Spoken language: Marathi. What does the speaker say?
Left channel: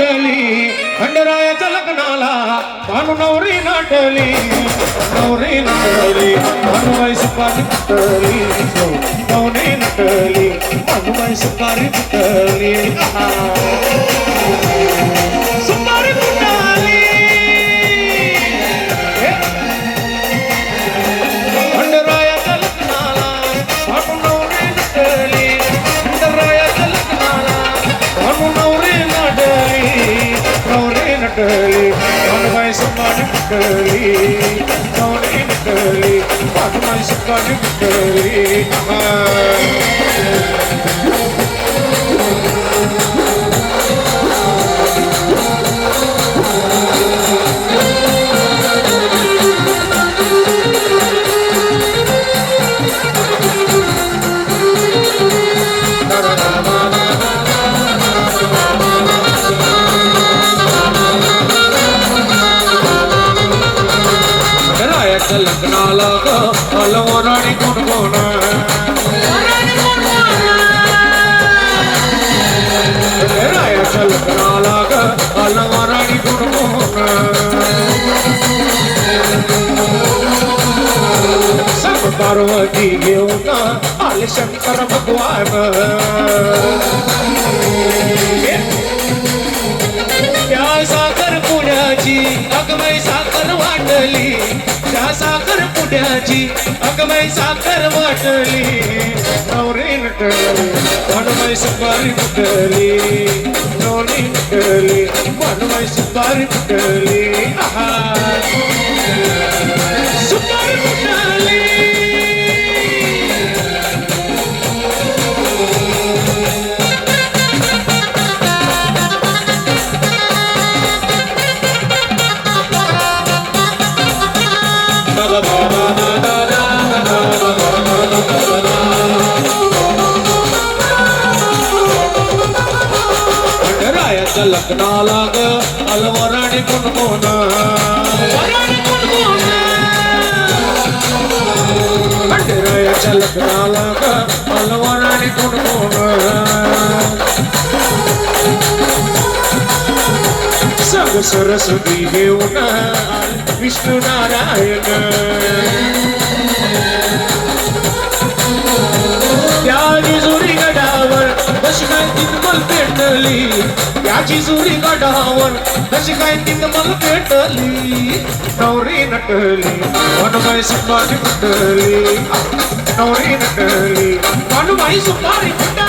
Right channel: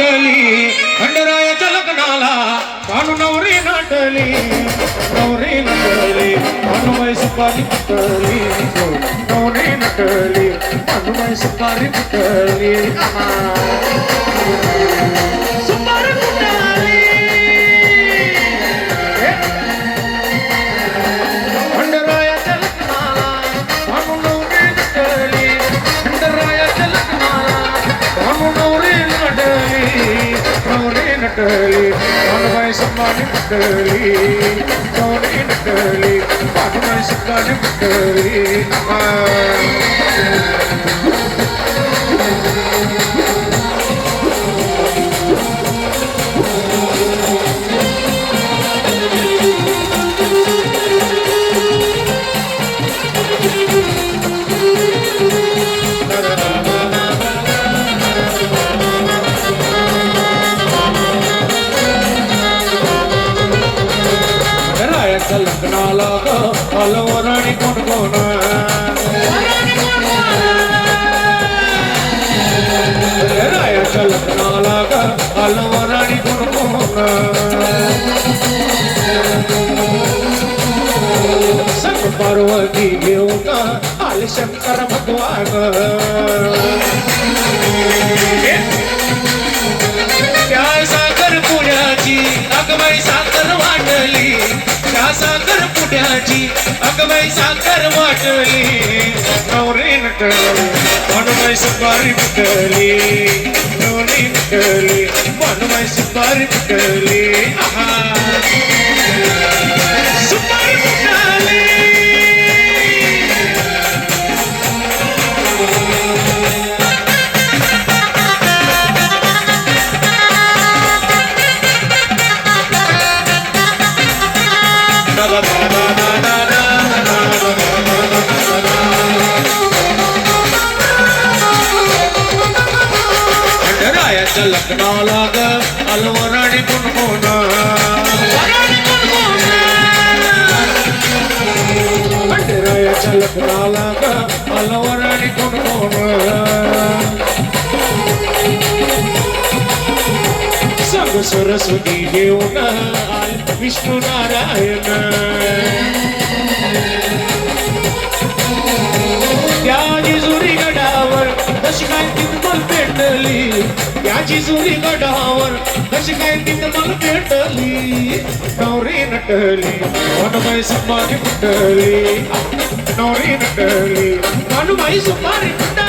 नटली खंडरायाच्या लग्नाला भानू नवरी नटली भानुबाई सुपारी फुटली नवरी नटली भानुबाई सुपारी फुटली सुपारी फुटली खंडरायाच्या लग्नाला भानू नवरी नटली खंडरायाच्या लग्नाला भानू नवरी नटली भानुबाई सुपारी फुटली नवरी नटली भानुबाई सुपारी फुटली लग्नाला अलवराणी कोण कोण रायाच्या लग्नाला अलवराणी कोण कोण सब पार्वती घेऊन आले शंकर भगवान त्या साखर पुण्याची अगबाई साखर वाटली त्या साखर पुण्याची अगबाई साखर वाटली नवरी नटली भानुबाई सुपारी फुटली नवरी नटली भानुबाई सुपारी फुटली सुपारी फुटली रायाच्या लग्नाला अलवराणी कोण कोण रायाच्या लग्नाला अलवराणी कोण कोण सग सरस्वती घेऊन विष्णू नारायण त्याची जोडी गडावर कशी काय तिथमल पेटली त्याची जोडी गडावर कशी काय तिथमल पेटली नवरी नटली भानुबाई सुपारी फुटली नवरी नटली भानुबाई सुपारी फुटली